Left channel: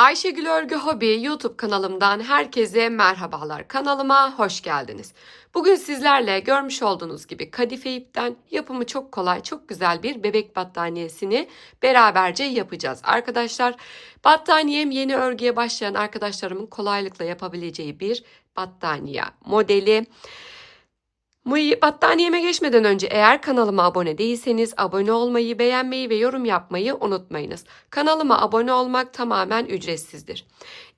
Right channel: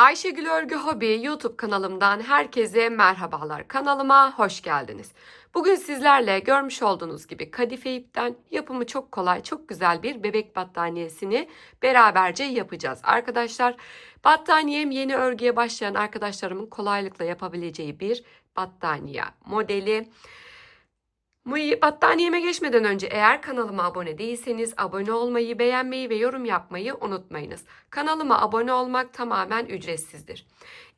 Ayşegül Örgü Hobi YouTube kanalımdan herkese merhabalar. Kanalıma hoş geldiniz. Bugün sizlerle görmüş olduğunuz gibi kadife ipten yapımı çok kolay, çok güzel bir bebek battaniyesini beraberce yapacağız. Arkadaşlar battaniyem yeni örgüye başlayan arkadaşlarımın kolaylıkla yapabileceği bir battaniye modeli. Bu battaniyeme geçmeden önce eğer kanalıma abone değilseniz abone olmayı, beğenmeyi ve yorum yapmayı unutmayınız. Kanalıma abone olmak tamamen ücretsizdir.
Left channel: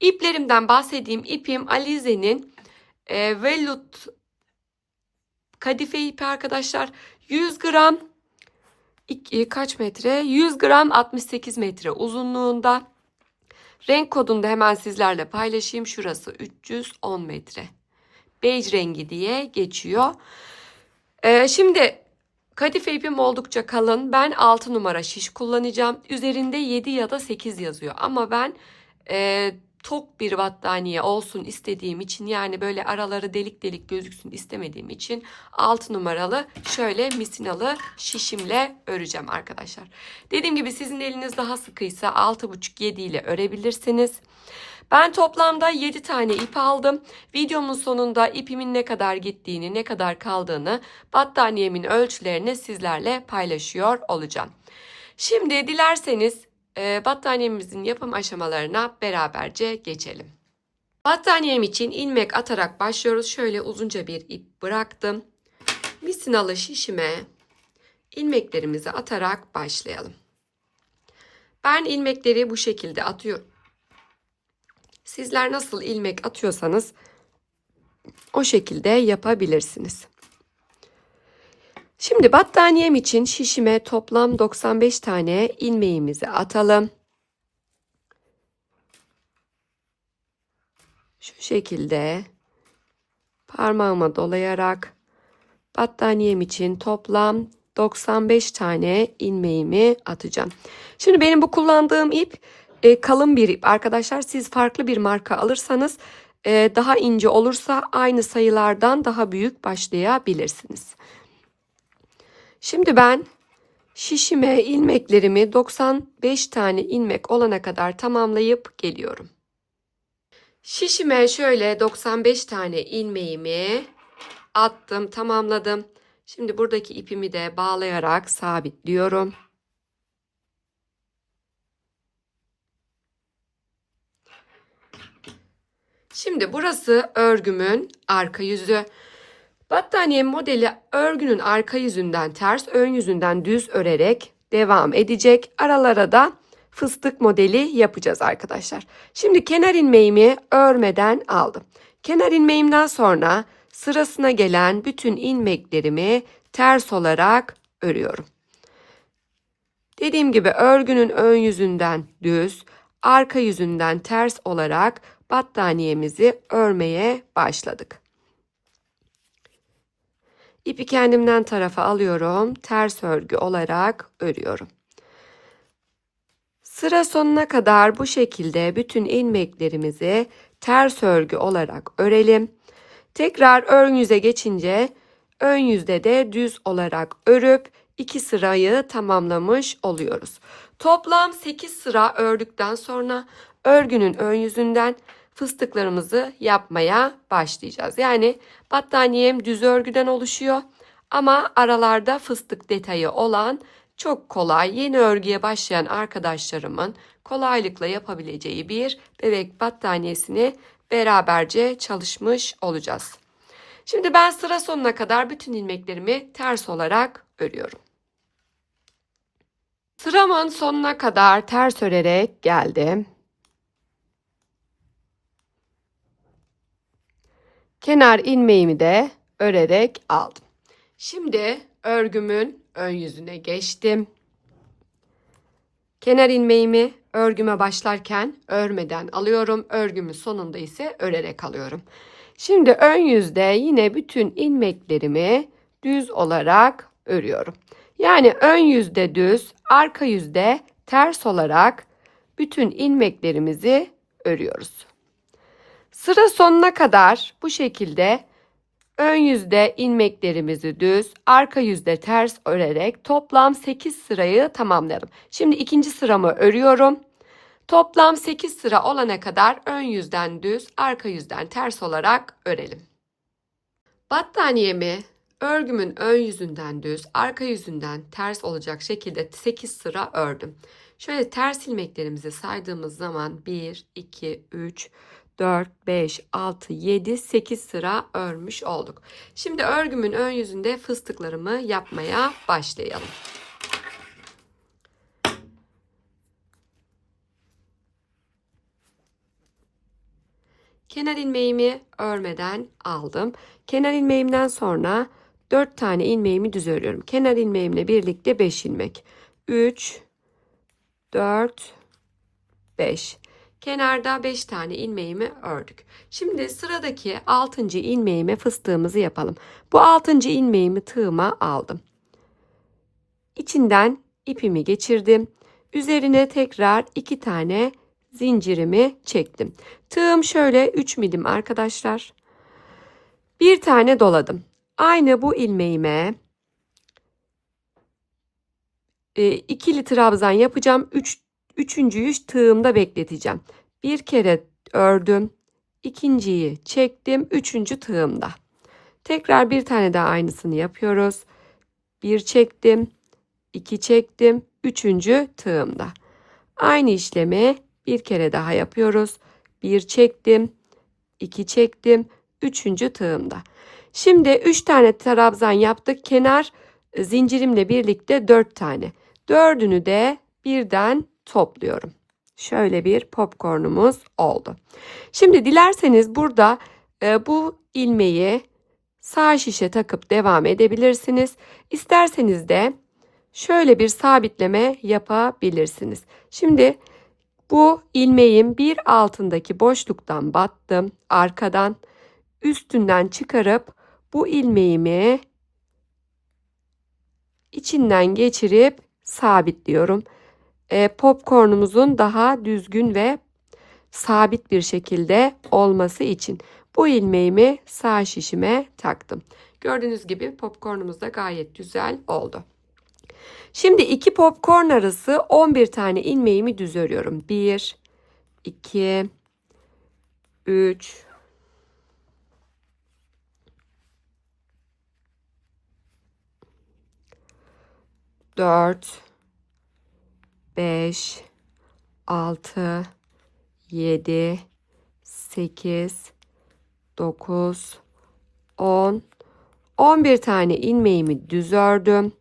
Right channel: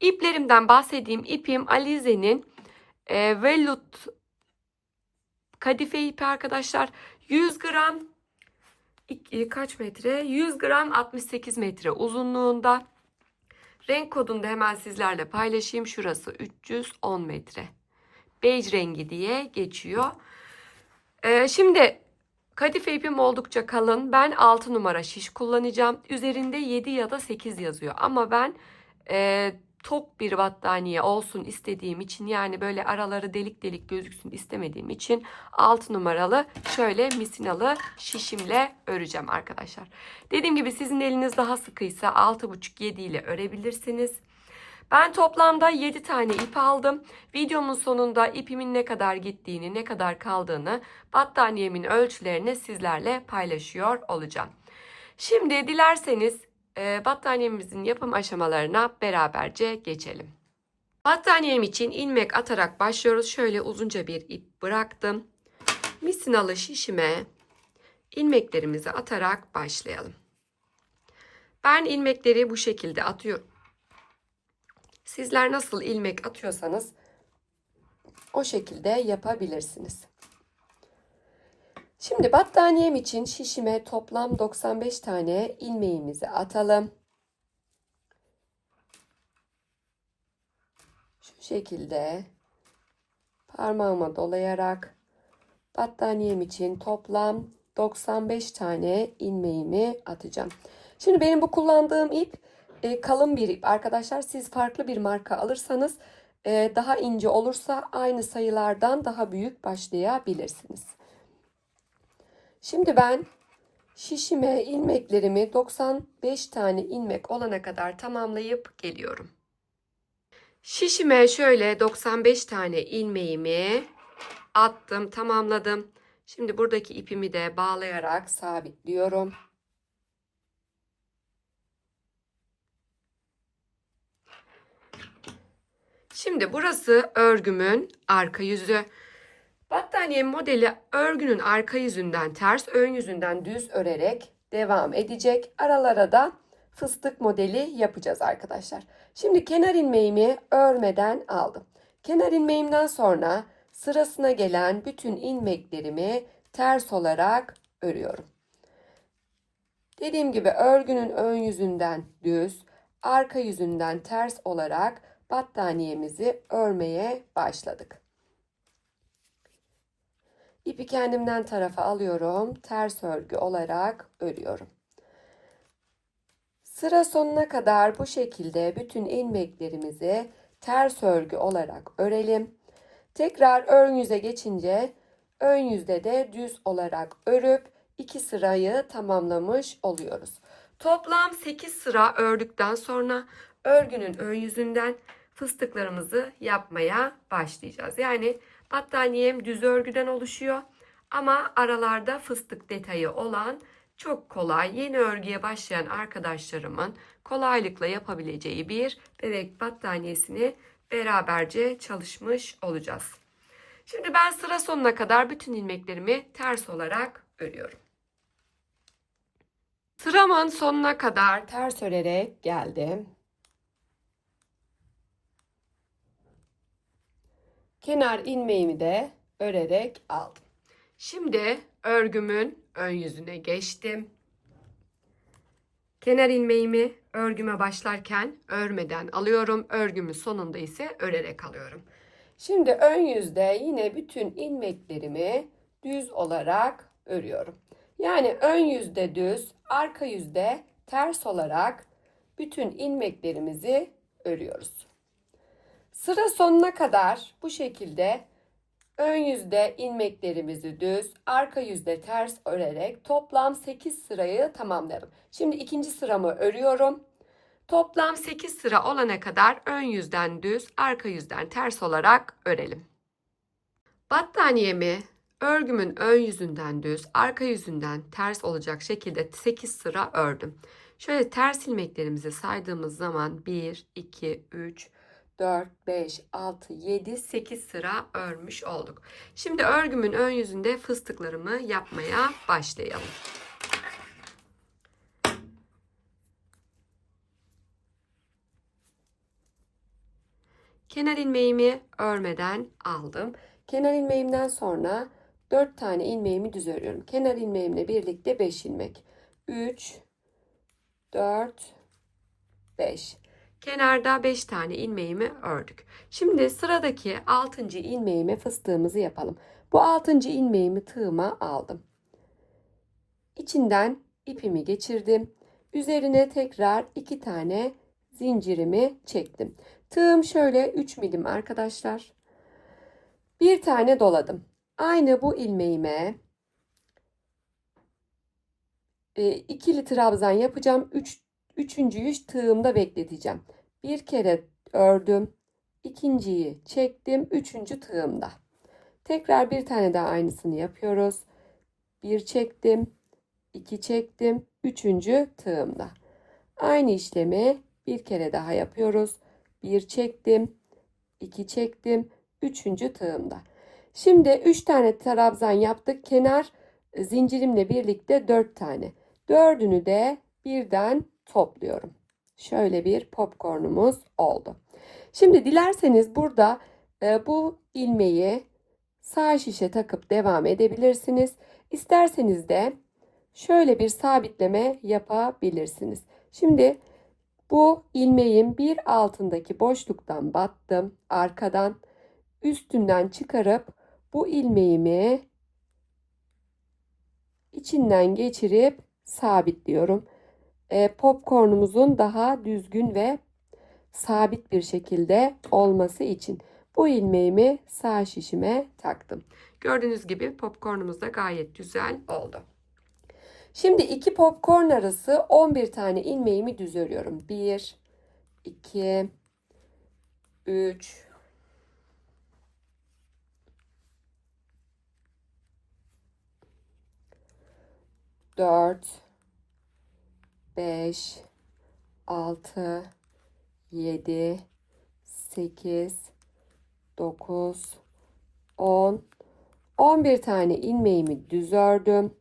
İplerimden bahsedeyim. İpim Alize'nin e, Vellut kadife ipi arkadaşlar. 100 gram iki- kaç metre? 100 gram 68 metre uzunluğunda. Renk kodunu da hemen sizlerle paylaşayım. Şurası 310 metre. Bej rengi diye geçiyor. Ee, şimdi kadife ipim oldukça kalın. Ben 6 numara şiş kullanacağım. Üzerinde 7 ya da 8 yazıyor. Ama ben e, tok bir battaniye olsun istediğim için yani böyle araları delik delik gözüksün istemediğim için 6 numaralı şöyle misinalı şişimle öreceğim arkadaşlar. Dediğim gibi sizin eliniz daha sıkıysa 6,5-7 ile örebilirsiniz. Ben toplamda 7 tane ip aldım. Videomun sonunda ipimin ne kadar gittiğini, ne kadar kaldığını, battaniyemin ölçülerini sizlerle paylaşıyor olacağım. Şimdi dilerseniz e, battaniyemizin yapım aşamalarına beraberce geçelim. Battaniyem için ilmek atarak başlıyoruz. Şöyle uzunca bir ip bıraktım. Misinalı şişime ilmeklerimizi atarak başlayalım. Ben ilmekleri bu şekilde atıyorum. Sizler nasıl ilmek atıyorsanız o şekilde yapabilirsiniz. Şimdi battaniyem için şişime toplam 95 tane ilmeğimizi atalım. Şu şekilde parmağıma dolayarak battaniyem için toplam 95 tane ilmeğimi atacağım. Şimdi benim bu kullandığım ip e, kalın bir ip arkadaşlar. Siz farklı bir marka alırsanız e, daha ince olursa aynı sayılardan daha büyük başlayabilirsiniz. Şimdi ben şişime ilmeklerimi 95 tane ilmek olana kadar tamamlayıp geliyorum. Şişime şöyle 95 tane ilmeğimi attım, tamamladım. Şimdi buradaki ipimi de bağlayarak sabitliyorum. Şimdi burası örgümün arka yüzü. Battaniye modeli örgünün arka yüzünden ters, ön yüzünden düz örerek devam edecek. Aralara da fıstık modeli yapacağız arkadaşlar. Şimdi kenar ilmeğimi örmeden aldım. Kenar ilmeğimden sonra sırasına gelen bütün ilmeklerimi ters olarak örüyorum. Dediğim gibi örgünün ön yüzünden düz, arka yüzünden ters olarak battaniyemizi örmeye başladık. İpi kendimden tarafa alıyorum. Ters örgü olarak örüyorum. Sıra sonuna kadar bu şekilde bütün ilmeklerimizi ters örgü olarak örelim. Tekrar ön yüze geçince ön yüzde de düz olarak örüp iki sırayı tamamlamış oluyoruz. Toplam 8 sıra ördükten sonra örgünün ön yüzünden fıstıklarımızı yapmaya başlayacağız. Yani battaniyem düz örgüden oluşuyor ama aralarda fıstık detayı olan çok kolay yeni örgüye başlayan arkadaşlarımın kolaylıkla yapabileceği bir bebek battaniyesini beraberce çalışmış olacağız. Şimdi ben sıra sonuna kadar bütün ilmeklerimi ters olarak örüyorum. Sıramın sonuna kadar ters örerek geldim. Kenar ilmeğimi de örerek aldım. Şimdi örgümün ön yüzüne geçtim. Kenar ilmeğimi örgüme başlarken örmeden alıyorum. Örgümün sonunda ise örerek alıyorum. Şimdi ön yüzde yine bütün ilmeklerimi düz olarak örüyorum. Yani ön yüzde düz, arka yüzde ters olarak bütün ilmeklerimizi örüyoruz. Sıra sonuna kadar bu şekilde ön yüzde ilmeklerimizi düz, arka yüzde ters örerek toplam 8 sırayı tamamlayalım. Şimdi ikinci sıramı örüyorum. Toplam 8 sıra olana kadar ön yüzden düz, arka yüzden ters olarak örelim. Battaniyemi örgümün ön yüzünden düz, arka yüzünden ters olacak şekilde 8 sıra ördüm. Şöyle ters ilmeklerimizi saydığımız zaman 1, 2, 3, 4, 5, 6, 7, 8 sıra örmüş olduk. Şimdi örgümün ön yüzünde fıstıklarımı yapmaya başlayalım. Kenar ilmeğimi örmeden aldım. Kenar ilmeğimden sonra 4 tane ilmeğimi düz örüyorum. Kenar ilmeğimle birlikte 5 ilmek. 3 4 5 Kenarda 5 tane ilmeğimi ördük. Şimdi sıradaki 6. ilmeğime fıstığımızı yapalım. Bu 6. ilmeğimi tığıma aldım. İçinden ipimi geçirdim. Üzerine tekrar 2 tane zincirimi çektim. Tığım şöyle 3 milim arkadaşlar. Bir tane doladım. Aynı bu ilmeğime e, ikili trabzan yapacağım. Üç, üçüncüyü tığımda bekleteceğim. Bir kere ördüm. ikinciyi çektim. Üçüncü tığımda. Tekrar bir tane daha aynısını yapıyoruz. Bir çektim. iki çektim. Üçüncü tığımda. Aynı işlemi bir kere daha yapıyoruz. Bir çektim. iki çektim. Üçüncü tığımda. Şimdi üç tane trabzan yaptık. Kenar zincirimle birlikte dört tane. Dördünü de birden topluyorum. Şöyle bir popcornumuz oldu. Şimdi dilerseniz burada e, bu ilmeği sağ şişe takıp devam edebilirsiniz. İsterseniz de şöyle bir sabitleme yapabilirsiniz. Şimdi bu ilmeğin bir altındaki boşluktan battım. Arkadan üstünden çıkarıp bu ilmeğimi içinden geçirip sabitliyorum. E, popcornumuzun daha düzgün ve sabit bir şekilde olması için bu ilmeğimi sağ şişime taktım. Gördüğünüz gibi popcornumuz da gayet güzel oldu. Şimdi iki popcorn arası 11 tane ilmeğimi düz örüyorum. 1 2 3 4 5 6 7 8 9 10 11 tane ilmeğimi düz ördüm.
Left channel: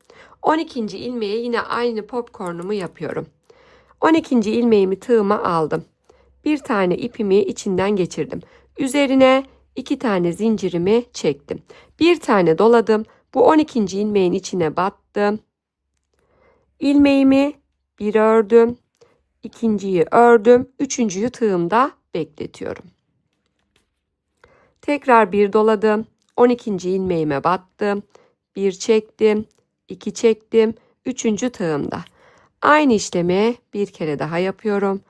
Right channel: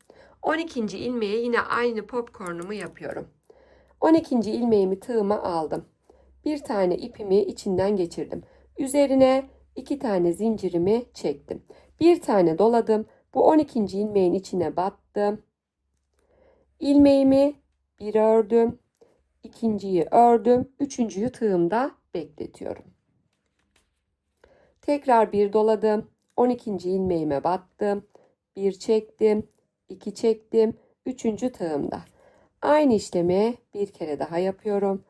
12. ilmeğe yine aynı popcornumu yapıyorum. 12. ilmeğimi tığıma aldım. Bir tane ipimi içinden geçirdim. Üzerine iki tane zincirimi çektim. Bir tane doladım. Bu 12. ilmeğin içine battım. İlmeğimi bir ördüm. ikinciyi ördüm. Üçüncüyü tığımda bekletiyorum. Tekrar bir doladım. 12. ilmeğime battım. Bir çektim. iki çektim. Üçüncü tığımda. Aynı işlemi bir kere daha yapıyorum.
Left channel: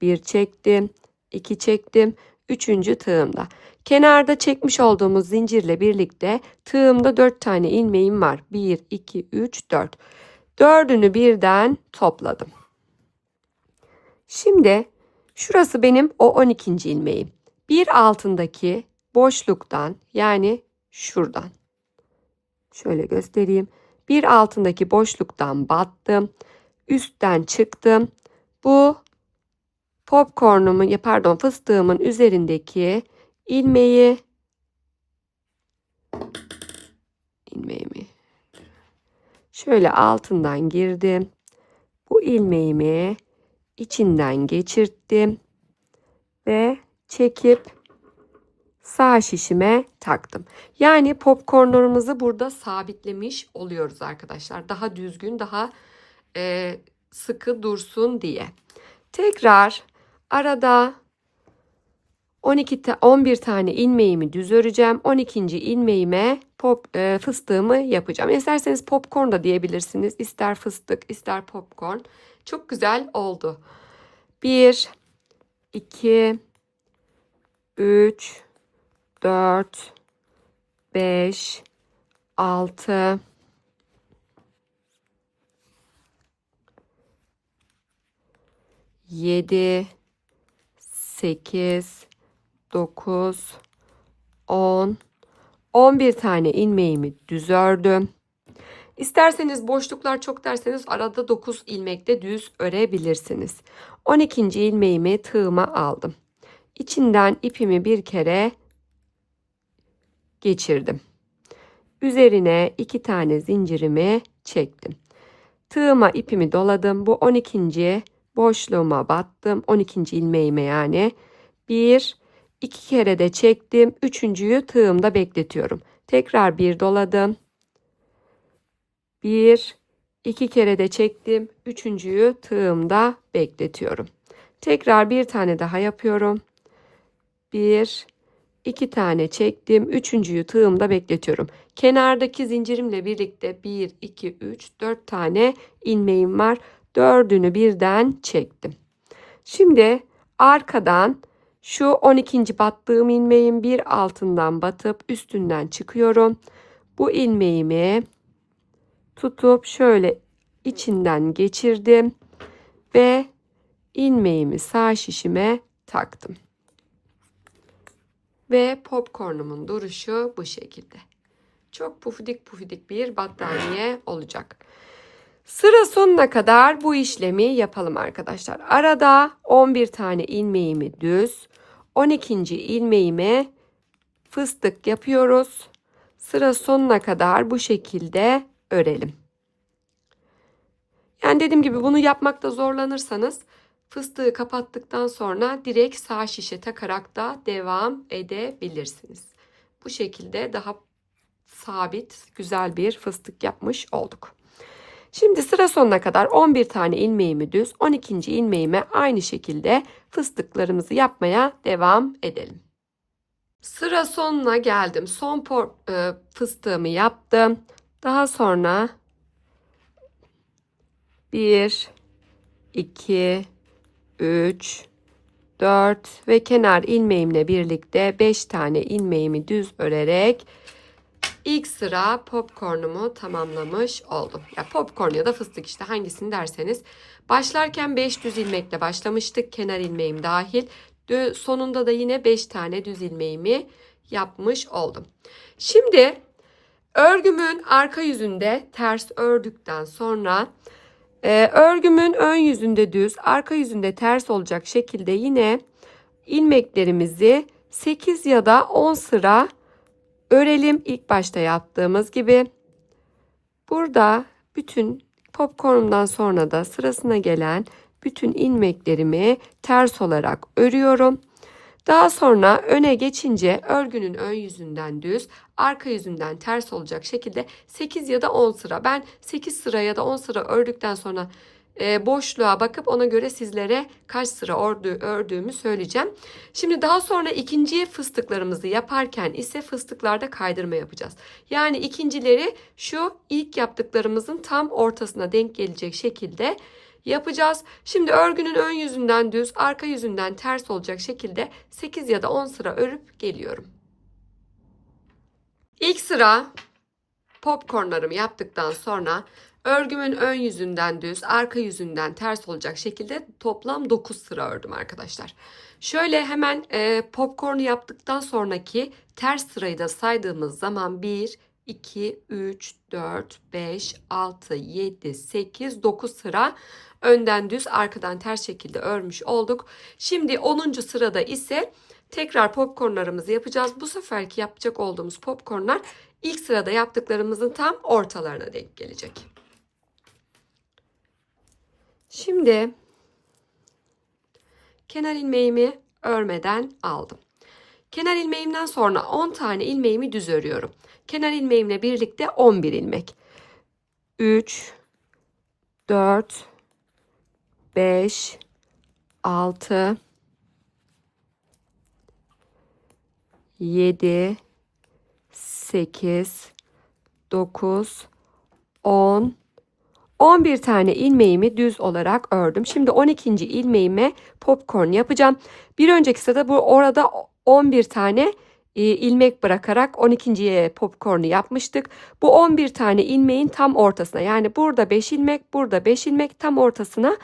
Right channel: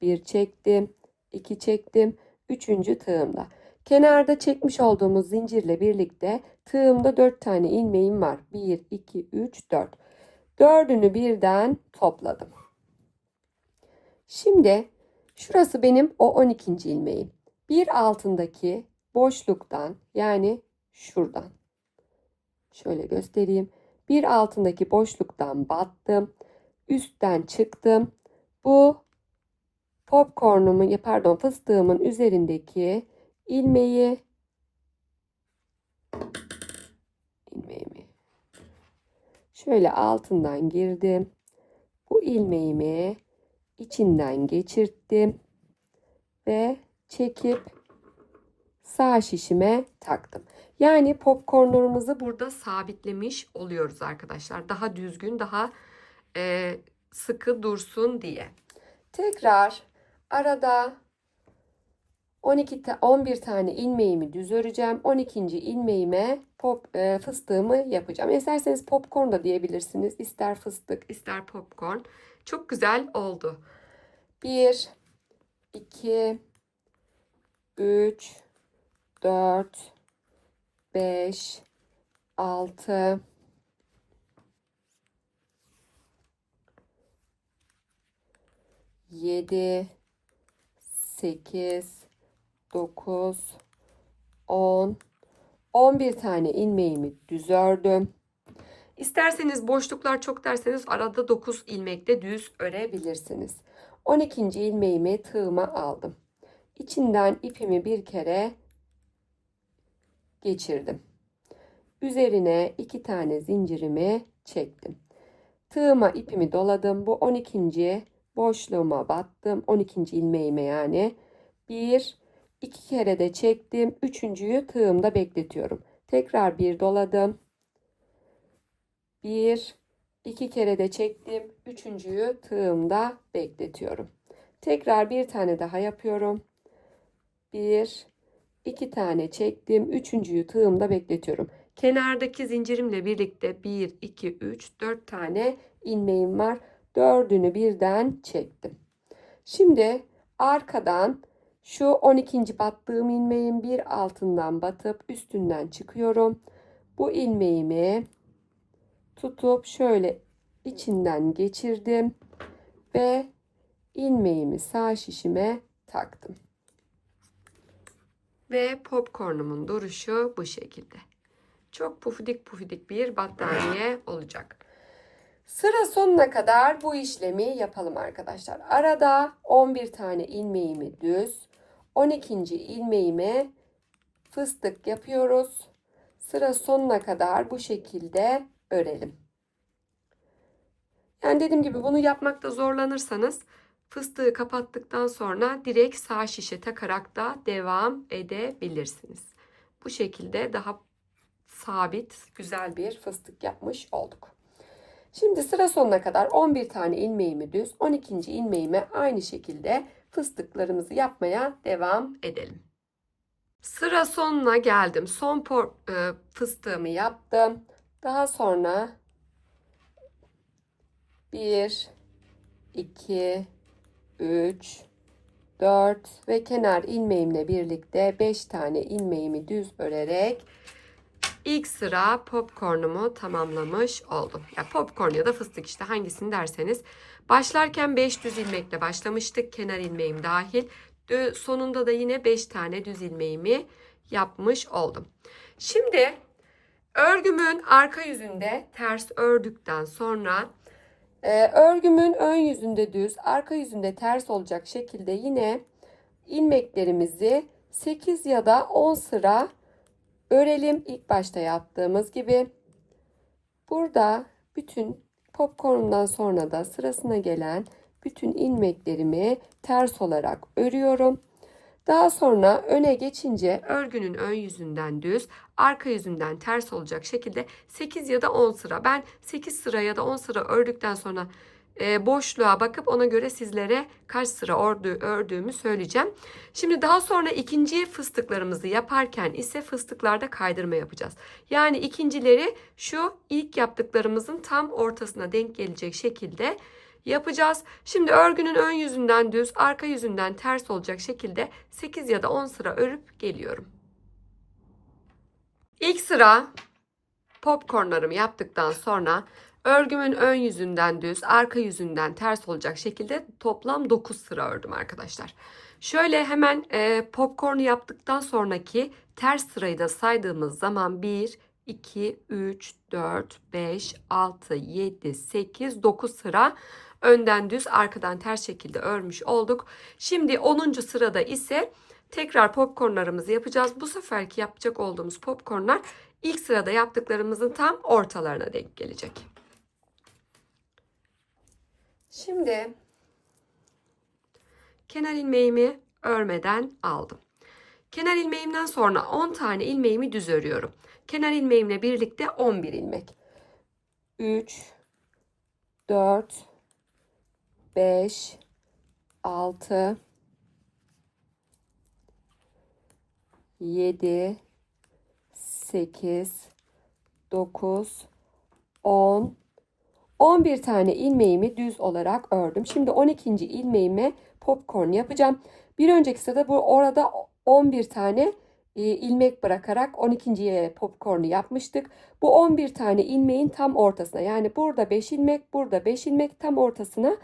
Bir çektim. iki çektim. Üçüncü tığımda. Kenarda çekmiş olduğumuz zincirle birlikte tığımda 4 tane ilmeğim var. 1, 2, 3, 4. Dördünü birden topladım. Şimdi şurası benim o 12. ilmeğim. Bir altındaki boşluktan yani şuradan. Şöyle göstereyim. Bir altındaki boşluktan battım. Üstten çıktım. Bu popcornumun pardon fıstığımın üzerindeki ilmeği ilmeğimi Şöyle altından girdim. Bu ilmeğimi içinden geçirttim ve çekip sağ şişime taktım. Yani popcornlarımızı burada sabitlemiş oluyoruz arkadaşlar. Daha düzgün, daha e, sıkı dursun diye. Tekrar arada 12 ta 11 tane ilmeğimi düz öreceğim. 12. ilmeğime pop e, fıstığımı yapacağım. İsterseniz popcorn da diyebilirsiniz. İster fıstık, ister popcorn. Çok güzel oldu. 1 2 3 4 5 6 7 7 8 9 10 11 tane ilmeğimi düz ördüm. İsterseniz boşluklar çok derseniz arada 9 ilmekte düz örebilirsiniz. 12. ilmeğimi tığıma aldım. İçinden ipimi bir kere geçirdim. Üzerine iki tane zincirimi çektim. Tığıma ipimi doladım. Bu 12. boşluğuma battım. 12. ilmeğime yani. Bir, iki kere de çektim. Üçüncüyü tığımda bekletiyorum. Tekrar bir doladım. Bir, iki kere de çektim. Üçüncüyü tığımda bekletiyorum. Tekrar bir tane daha yapıyorum. Bir, iki tane çektim. Üçüncüyü tığımda bekletiyorum. Kenardaki zincirimle birlikte 1, 2, 3, 4 tane ilmeğim var. Dördünü birden çektim. Şimdi arkadan şu 12. battığım ilmeğin bir altından batıp üstünden çıkıyorum. Bu ilmeğimi tutup şöyle içinden geçirdim ve ilmeğimi sağ şişime taktım. Ve popcornumun duruşu bu şekilde. Çok pufidik pufidik bir battaniye olacak. Sıra sonuna kadar bu işlemi yapalım arkadaşlar. Arada 11 tane ilmeğimi düz, 12. ilmeğime fıstık yapıyoruz. Sıra sonuna kadar bu şekilde örelim. Yani dediğim gibi bunu yapmakta zorlanırsanız fıstığı kapattıktan sonra direkt sağ şişe takarak da devam edebilirsiniz. Bu şekilde daha sabit güzel bir fıstık yapmış olduk. Şimdi sıra sonuna kadar 11 tane ilmeğimi düz 12. ilmeğime aynı şekilde fıstıklarımızı yapmaya devam edelim. Sıra sonuna geldim. Son por, e, fıstığımı yaptım. Daha sonra 1 2 3 4 ve kenar ilmeğimle birlikte 5 tane ilmeğimi düz örerek ilk sıra popcornumu tamamlamış oldum. Ya popcorn ya da fıstık işte hangisini derseniz. Başlarken 5 düz ilmekle başlamıştık. Kenar ilmeğim dahil. Sonunda da yine 5 tane düz ilmeğimi yapmış oldum. Şimdi örgümün arka yüzünde ters ördükten sonra e, örgümün ön yüzünde düz, arka yüzünde ters olacak şekilde yine ilmeklerimizi 8 ya da 10 sıra örelim ilk başta yaptığımız gibi. Burada bütün popcornumdan sonra da sırasına gelen bütün ilmeklerimi ters olarak örüyorum. Daha sonra öne geçince örgünün ön yüzünden düz, arka yüzünden ters olacak şekilde 8 ya da 10 sıra. Ben 8 sıra ya da 10 sıra ördükten sonra e, boşluğa bakıp ona göre sizlere kaç sıra ördü, ördüğümü söyleyeceğim. Şimdi daha sonra ikinci fıstıklarımızı yaparken ise fıstıklarda kaydırma yapacağız. Yani ikincileri şu ilk yaptıklarımızın tam ortasına denk gelecek şekilde yapacağız. Şimdi örgünün ön yüzünden düz, arka yüzünden ters olacak şekilde 8 ya da 10 sıra örüp geliyorum. İlk sıra popcornlarımı yaptıktan sonra örgümün ön yüzünden düz, arka yüzünden ters olacak şekilde toplam 9 sıra ördüm arkadaşlar. Şöyle hemen e, popcornu yaptıktan sonraki ters sırayı da saydığımız zaman 1, 2, 3, 4, 5, 6, 7, 8, 9 sıra önden düz arkadan ters şekilde örmüş olduk. Şimdi 10. sırada ise tekrar popcornlarımızı yapacağız. Bu seferki yapacak olduğumuz popcornlar ilk sırada yaptıklarımızın tam ortalarına denk gelecek. Şimdi kenar ilmeğimi örmeden aldım. Kenar ilmeğimden sonra 10 tane ilmeğimi düz örüyorum. Kenar ilmeğimle birlikte 11 ilmek. 3 4 5 6 7 8 9 10 11 tane ilmeğimi düz olarak ördüm. Şimdi 12. ilmeğime popcorn yapacağım. Bir önceki sırada bu orada 11 tane e, ilmek bırakarak 12.ye popcornu yapmıştık. Bu 11 tane ilmeğin tam ortasına yani burada 5 ilmek burada 5 ilmek tam ortasına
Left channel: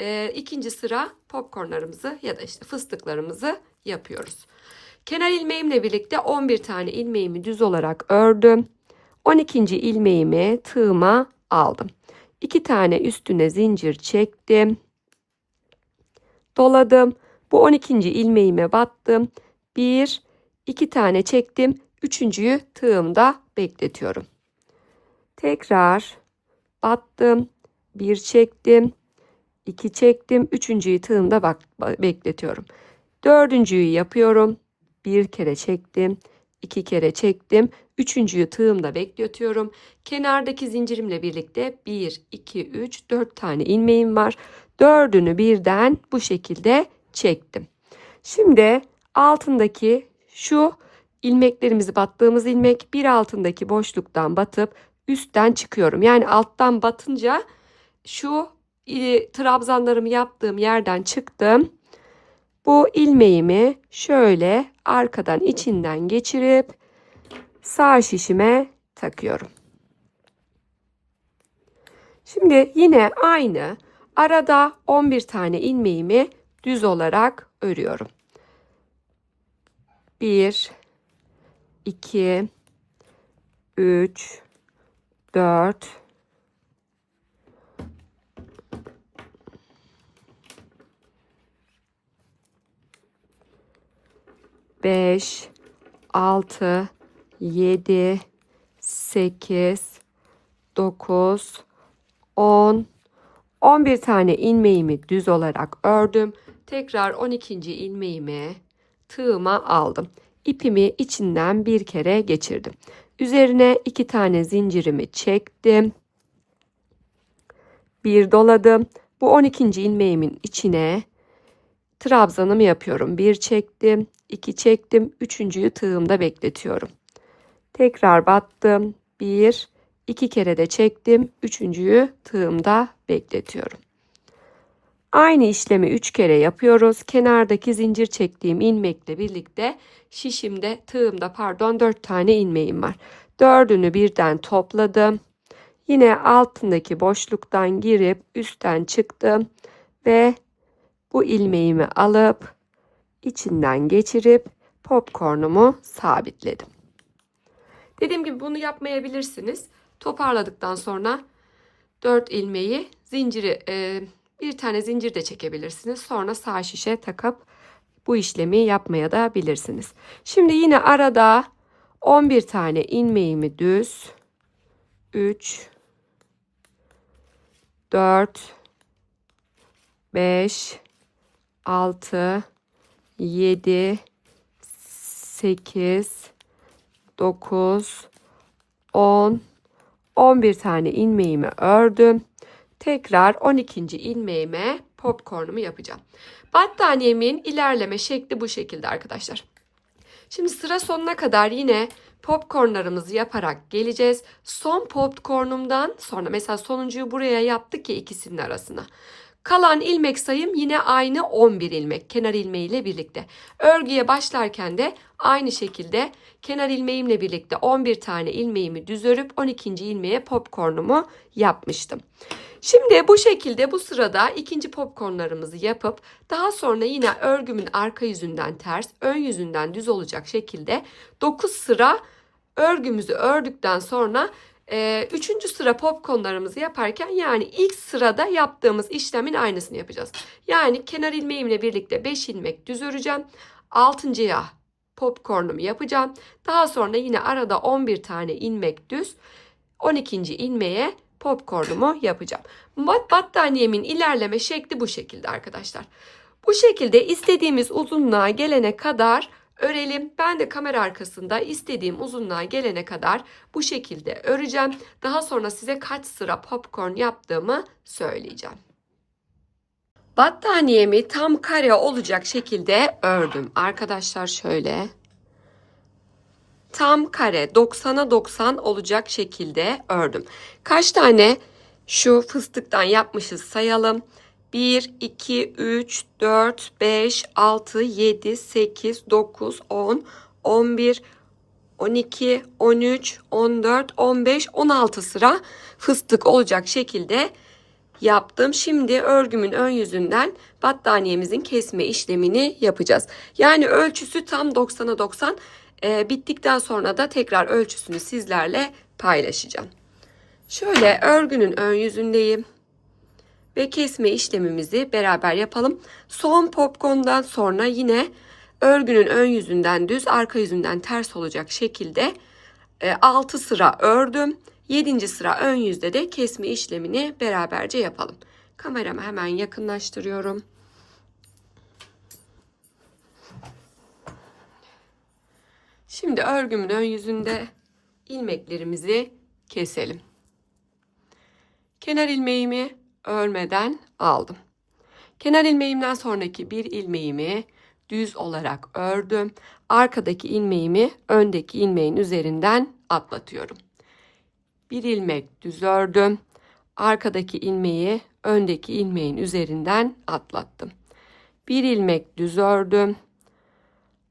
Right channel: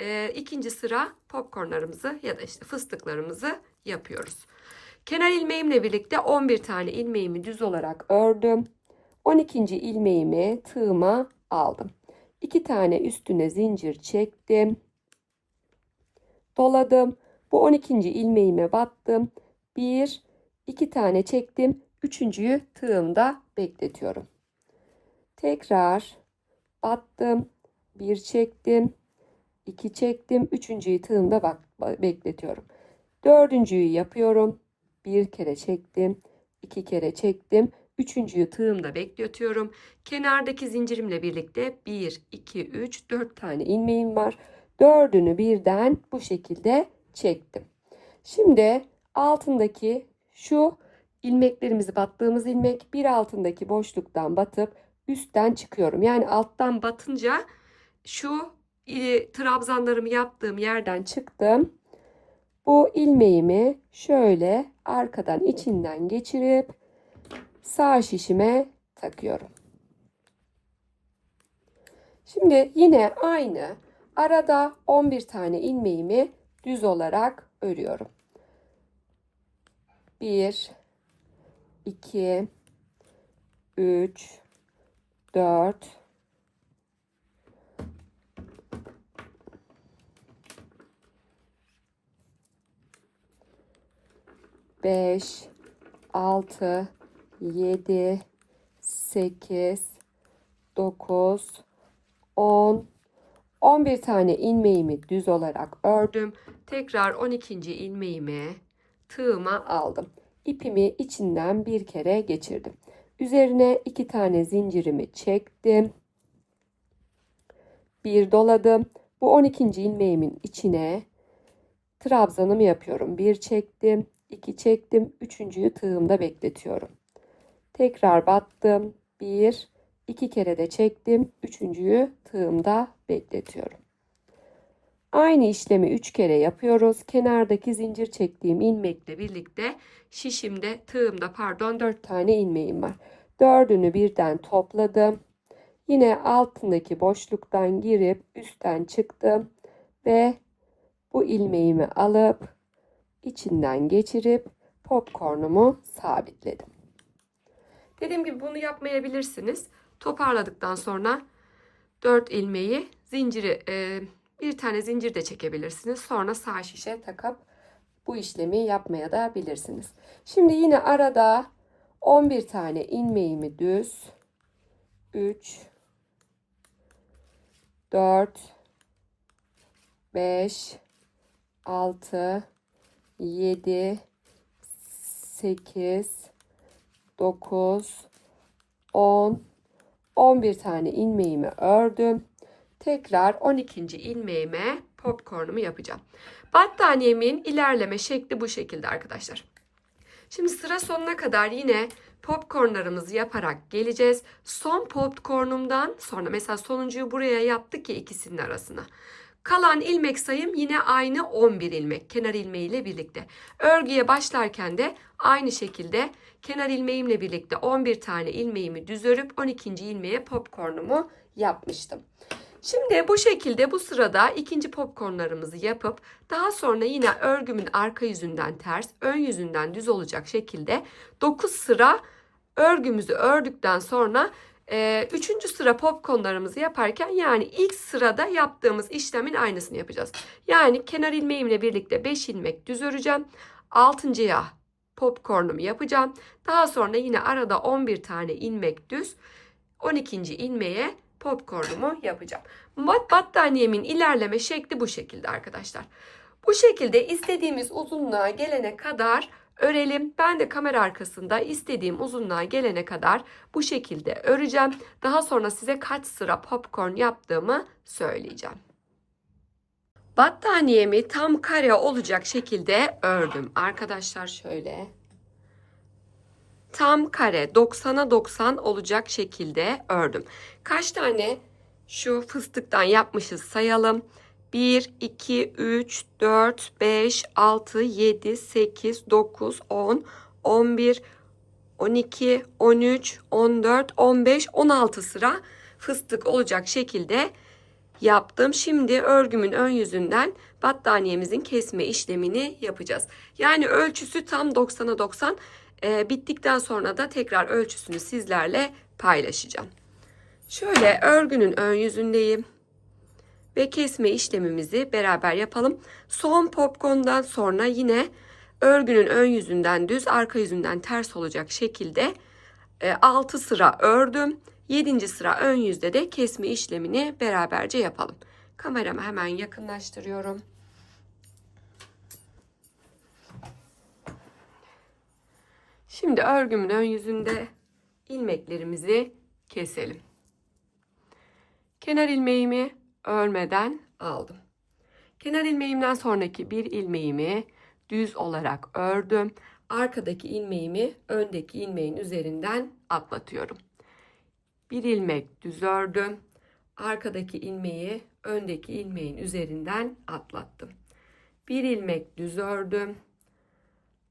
e, ikinci sıra popcornlarımızı ya da işte fıstıklarımızı yapıyoruz. Kenar ilmeğimle birlikte 11 tane ilmeğimi düz olarak ördüm. 12. ilmeğimi tığıma aldım. 2 tane üstüne zincir çektim. Doladım. Bu 12. ilmeğime battım. 1 2 tane çektim. Üçüncüyü tığımda bekletiyorum. Tekrar battım. 1 çektim. 2 çektim. Üçüncüyü tığımda bak bekletiyorum. Dördüncüyü yapıyorum. Bir kere çektim. iki kere çektim. Üçüncüyü tığımda bekletiyorum. Kenardaki zincirimle birlikte 1, 2, 3, 4 tane ilmeğim var. Dördünü birden bu şekilde çektim. Şimdi altındaki şu ilmeklerimizi battığımız ilmek bir altındaki boşluktan batıp üstten çıkıyorum. Yani alttan batınca şu e, trabzanlarımı yaptığım yerden çıktım. Bu ilmeğimi şöyle arkadan içinden geçirip sağ şişime takıyorum. Şimdi yine aynı arada 11 tane ilmeğimi düz olarak örüyorum. 1 2 3 4 5 6 7 8 9 10 11 tane ilmeğimi düz olarak ördüm. Tekrar 12. ilmeğimi tığıma aldım. İpimi içinden bir kere geçirdim. Üzerine iki tane zincirimi çektim. Bir doladım. Bu 12. ilmeğimin içine trabzanımı yapıyorum. Bir çektim, iki çektim, üçüncüyü tığımda bekletiyorum. Tekrar battım. Bir, iki kere de çektim. Üçüncüyü tığımda bekletiyorum. Aynı işlemi üç kere yapıyoruz. Kenardaki zincir çektiğim ilmekle birlikte şişimde tığımda pardon dört tane ilmeğim var. Dördünü birden topladım. Yine altındaki boşluktan girip üstten çıktım ve bu ilmeğimi alıp içinden geçirip popcornumu sabitledim. Dediğim gibi bunu yapmayabilirsiniz. Toparladıktan sonra 4 ilmeği zinciri e, bir tane zincir de çekebilirsiniz. Sonra sağ şişe takıp bu işlemi yapmaya da bilirsiniz. Şimdi yine arada 11 tane ilmeğimi düz 3 4 5 6 7 8 9 10 11 tane ilmeğimi ördüm. Tekrar 12. ilmeğime popcornumu yapacağım. Battaniyemin ilerleme şekli bu şekilde arkadaşlar. Şimdi sıra sonuna kadar yine popcornlarımızı yaparak geleceğiz. Son popcornumdan sonra mesela sonuncuyu buraya yaptık ya ikisinin arasına. Kalan ilmek sayım yine aynı 11 ilmek kenar ilmeğiyle birlikte. Örgüye başlarken de aynı şekilde kenar ilmeğimle birlikte 11 tane ilmeğimi düz örüp 12. ilmeğe popcornumu yapmıştım. Şimdi bu şekilde bu sırada ikinci popcornlarımızı yapıp daha sonra yine örgümün arka yüzünden ters, ön yüzünden düz olacak şekilde 9 sıra örgümüzü ördükten sonra e, üçüncü sıra popcornlarımızı yaparken yani ilk sırada yaptığımız işlemin aynısını yapacağız. Yani kenar ilmeğimle birlikte 5 ilmek düz öreceğim. Altıncıya popcornumu yapacağım. Daha sonra yine arada 11 tane ilmek düz 12. ilmeğe popcornumu yapacağım. Battaniyemin ilerleme şekli bu şekilde arkadaşlar. Bu şekilde istediğimiz uzunluğa gelene kadar örelim. Ben de kamera arkasında istediğim uzunluğa gelene kadar bu şekilde öreceğim. Daha sonra size kaç sıra popcorn yaptığımı söyleyeceğim. Battaniyemi tam kare olacak şekilde ördüm. Arkadaşlar şöyle tam kare 90'a 90 olacak şekilde ördüm. Kaç tane şu fıstıktan yapmışız sayalım. 1, 2, 3, 4, 5, 6, 7, 8, 9, 10, 11, 12, 13, 14, 15, 16 sıra fıstık olacak şekilde yaptım. Şimdi örgümün ön yüzünden battaniyemizin kesme işlemini yapacağız. Yani ölçüsü tam 90'a 90. Ee, bittikten sonra da tekrar ölçüsünü sizlerle paylaşacağım. Şöyle örgünün ön yüzündeyim ve kesme işlemimizi beraber yapalım. Son popcorn'dan sonra yine örgünün ön yüzünden düz, arka yüzünden ters olacak şekilde 6 sıra ördüm. 7. sıra ön yüzde de kesme işlemini beraberce yapalım. Kameramı hemen yakınlaştırıyorum. Şimdi örgümün ön yüzünde ilmeklerimizi keselim. Kenar ilmeğimi örmeden aldım. Kenar ilmeğimden sonraki bir ilmeğimi düz olarak ördüm. Arkadaki ilmeğimi öndeki ilmeğin üzerinden atlatıyorum. Bir ilmek düz ördüm. Arkadaki ilmeği öndeki ilmeğin üzerinden atlattım. Bir ilmek düz ördüm.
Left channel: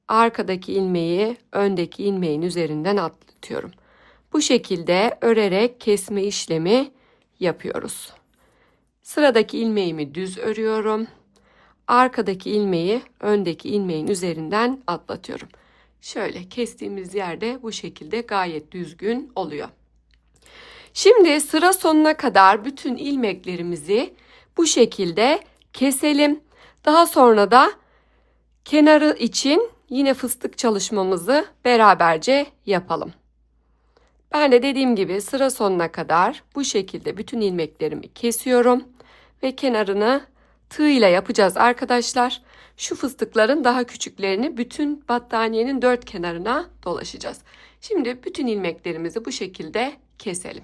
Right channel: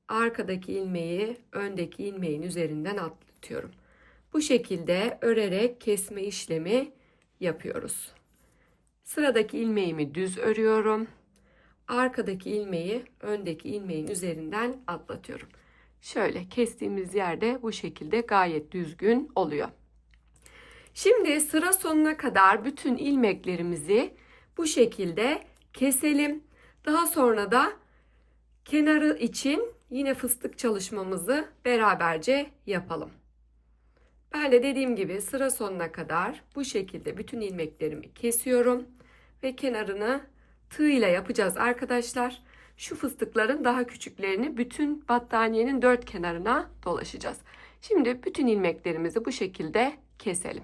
Arkadaki ilmeği öndeki ilmeğin üzerinden atlatıyorum. Bu şekilde örerek kesme işlemi yapıyoruz. Sıradaki ilmeğimi düz örüyorum. Arkadaki ilmeği öndeki ilmeğin üzerinden atlatıyorum. Şöyle kestiğimiz yerde bu şekilde gayet düzgün oluyor. Şimdi sıra sonuna kadar bütün ilmeklerimizi bu şekilde keselim. Daha sonra da kenarı için yine fıstık çalışmamızı beraberce yapalım. Ben de dediğim gibi sıra sonuna kadar bu şekilde bütün ilmeklerimi kesiyorum ve kenarını tığ ile yapacağız arkadaşlar. Şu fıstıkların daha küçüklerini bütün battaniyenin dört kenarına dolaşacağız. Şimdi bütün ilmeklerimizi bu şekilde keselim.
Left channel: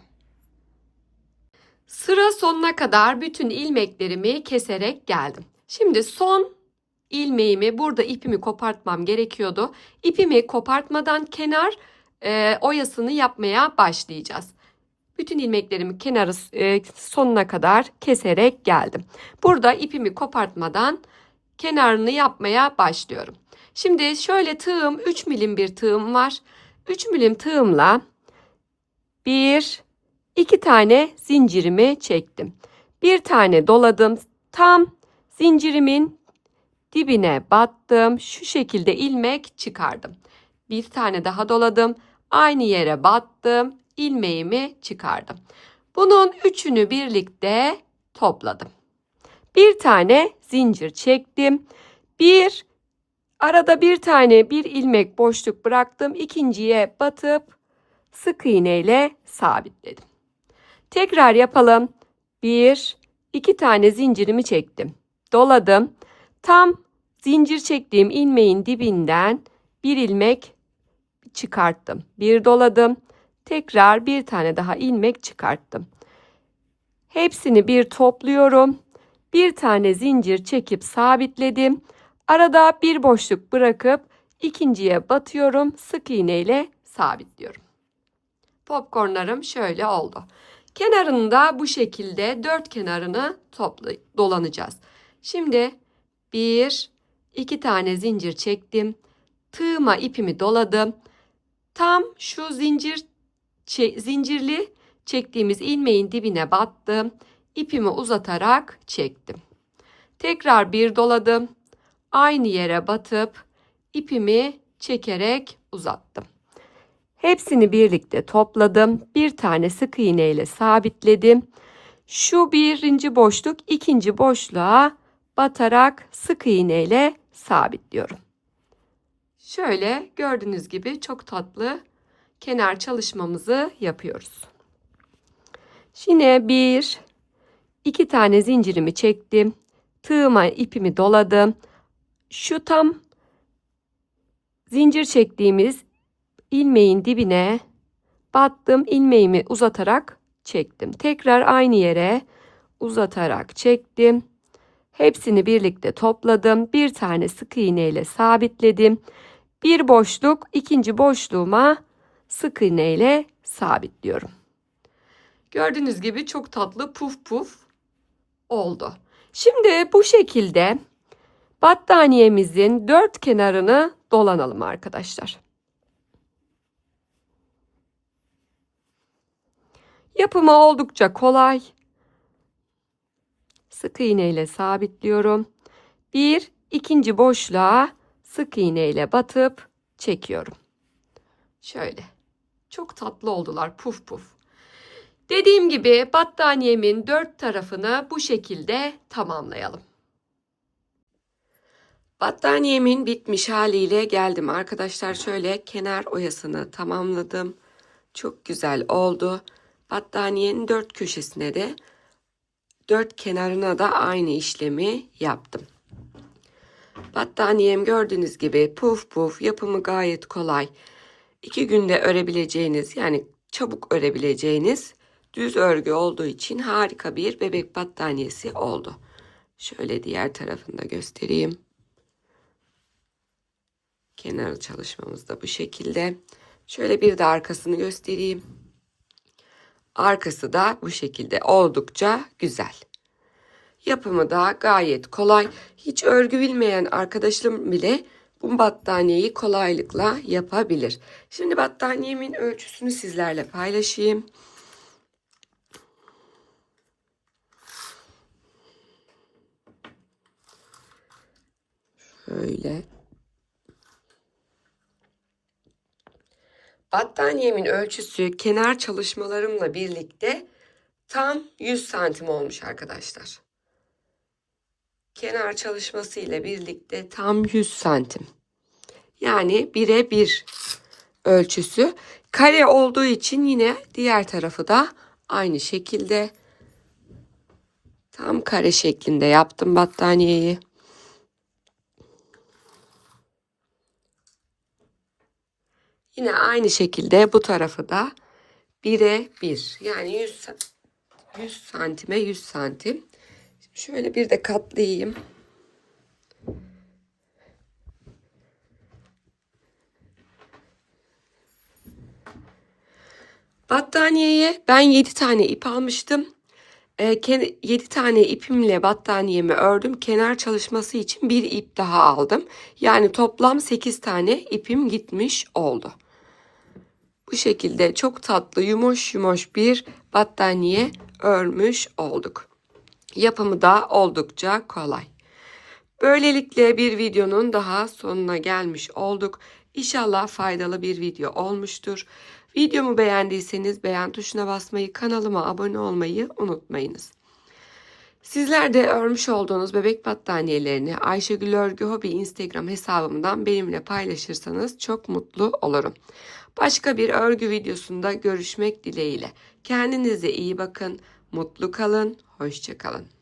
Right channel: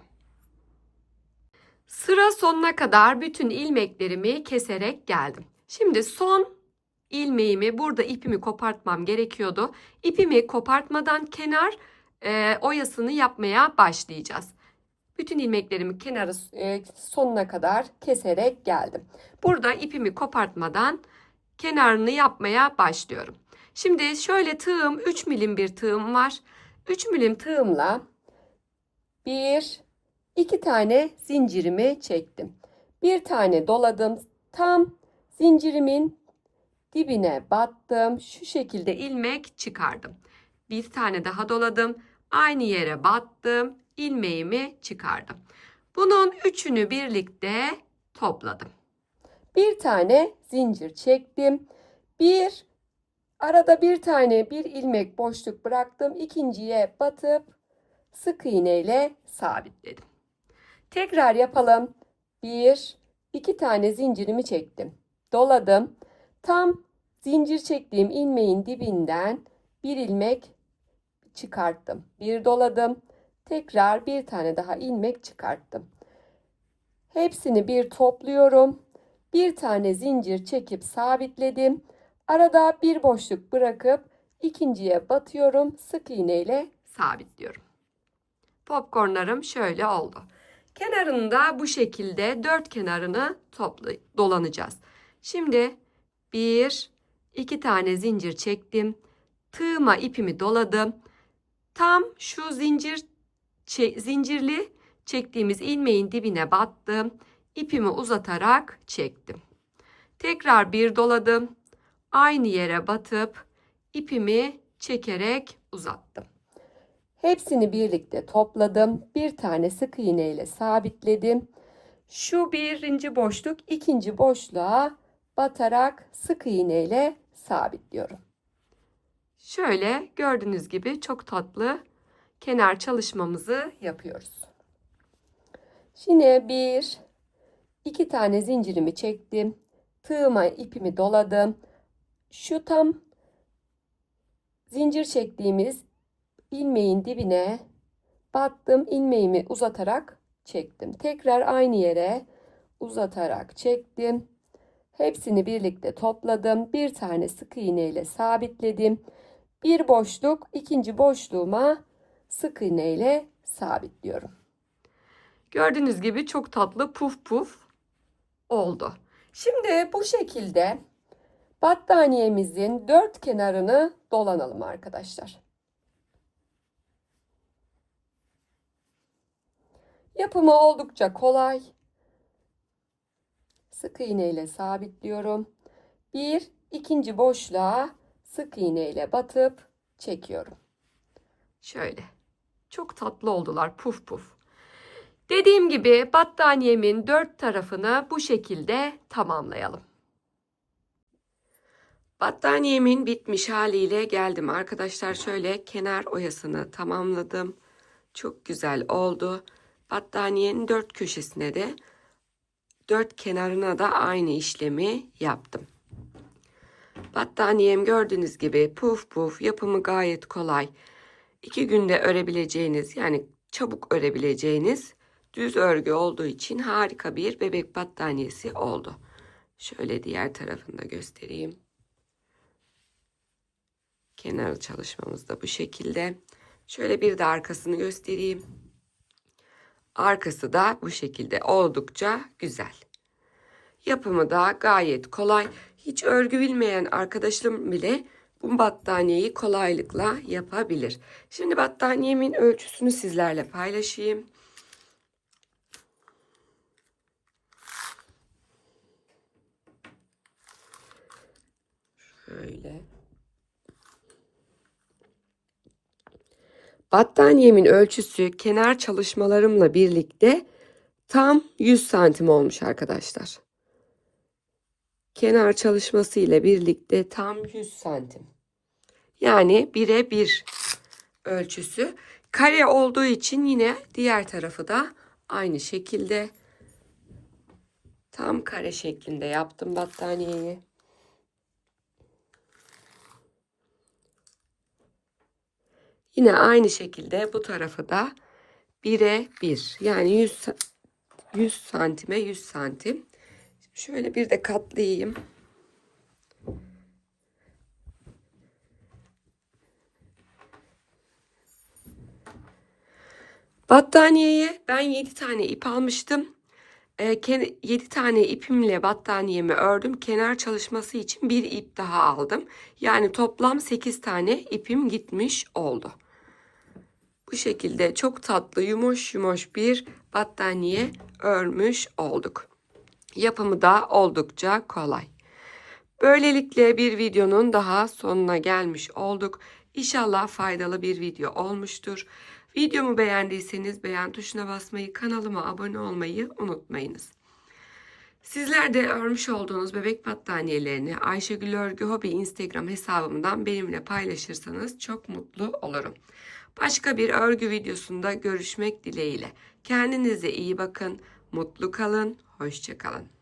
Sıra sonuna kadar bütün ilmeklerimi keserek geldim. Şimdi son ilmeğimi burada ipimi kopartmam gerekiyordu. İpimi kopartmadan kenar e, oyasını yapmaya başlayacağız. Bütün ilmeklerimi kenarı e, sonuna kadar keserek geldim. Burada ipimi kopartmadan kenarını yapmaya başlıyorum. Şimdi şöyle tığım 3 milim bir tığım var. 3 milim tığımla bir iki tane zincirimi çektim. Bir tane doladım. Tam zincirimin dibine battım. Şu şekilde ilmek çıkardım. Bir tane daha doladım. Aynı yere battım. İlmeğimi çıkardım. Bunun üçünü birlikte topladım. Bir tane zincir çektim. Bir arada bir tane bir ilmek boşluk bıraktım. İkinciye batıp sık iğne ile sabitledim. Tekrar yapalım. Bir, iki tane zincirimi çektim. Doladım. Tam zincir çektiğim ilmeğin dibinden bir ilmek çıkarttım. Bir doladım. Tekrar bir tane daha ilmek çıkarttım. Hepsini bir topluyorum. Bir tane zincir çekip sabitledim. Arada bir boşluk bırakıp ikinciye batıyorum. Sık iğne ile sabitliyorum. Popcornlarım şöyle oldu. Kenarında bu şekilde dört kenarını topla, dolanacağız. Şimdi bir, iki tane zincir çektim. Tığıma ipimi doladım. Tam şu zincir zincirli çektiğimiz ilmeğin dibine battım. İpimi uzatarak çektim. Tekrar bir doladım. Aynı yere batıp ipimi çekerek uzattım. Hepsini birlikte topladım. Bir tane sık iğne ile sabitledim. Şu birinci boşluk ikinci boşluğa batarak sık iğne ile sabitliyorum. Şöyle gördüğünüz gibi çok tatlı kenar çalışmamızı yapıyoruz. Yine bir, iki tane zincirimi çektim. Tığıma ipimi doladım. Şu tam zincir çektiğimiz ilmeğin dibine battım. ilmeğimi uzatarak çektim. Tekrar aynı yere uzatarak çektim. Hepsini birlikte topladım. Bir tane sık iğne ile sabitledim. Bir boşluk ikinci boşluğuma sık iğne ile sabitliyorum. Gördüğünüz gibi çok tatlı puf puf oldu. Şimdi bu şekilde battaniyemizin dört kenarını dolanalım arkadaşlar. Yapımı oldukça kolay. sık iğne ile sabitliyorum. Bir ikinci boşluğa sık iğne ile batıp çekiyorum. Şöyle. Çok tatlı oldular puf puf. Dediğim gibi battaniyemin dört tarafını bu şekilde tamamlayalım. Battaniyemin bitmiş haliyle geldim arkadaşlar. Şöyle kenar oyasını tamamladım. Çok güzel oldu. Battaniyenin dört köşesine de dört kenarına da aynı işlemi yaptım. Battaniyem gördüğünüz gibi puf puf yapımı gayet kolay. İki günde örebileceğiniz yani çabuk örebileceğiniz düz örgü olduğu için harika bir bebek battaniyesi oldu. Şöyle diğer tarafını da göstereyim. Kenar çalışmamız da bu şekilde. Şöyle bir de arkasını göstereyim. Arkası da bu şekilde oldukça güzel. Yapımı da gayet kolay. Hiç örgü bilmeyen arkadaşım bile bu battaniyeyi kolaylıkla yapabilir. Şimdi battaniyemin ölçüsünü sizlerle paylaşayım. Şöyle. Battaniyemin ölçüsü kenar çalışmalarımla birlikte tam 100 santim olmuş arkadaşlar. Kenar çalışması ile birlikte tam 100 santim. Yani bire bir ölçüsü. Kare olduğu için yine diğer tarafı da aynı şekilde tam kare şeklinde yaptım battaniyeyi. Yine aynı şekilde bu tarafı da 1'e 1 yani 100, 100 santime 100 santim. Şöyle bir de katlayayım. Battaniyeye ben 7 tane ip almıştım. 7 tane ipimle battaniyemi ördüm. Kenar çalışması için bir ip daha aldım. Yani toplam 8 tane ipim gitmiş oldu. Bu şekilde çok tatlı yumuş yumuş bir battaniye örmüş olduk. Yapımı da oldukça kolay. Böylelikle bir videonun daha sonuna gelmiş olduk. İnşallah faydalı bir video olmuştur. Videomu beğendiyseniz beğen tuşuna basmayı, kanalıma abone olmayı unutmayınız. Sizler de örmüş olduğunuz bebek battaniyelerini Ayşegül Örgü Hobi Instagram hesabımdan benimle paylaşırsanız çok mutlu olurum. Başka bir örgü videosunda görüşmek dileğiyle. Kendinize iyi bakın, mutlu kalın, hoşçakalın.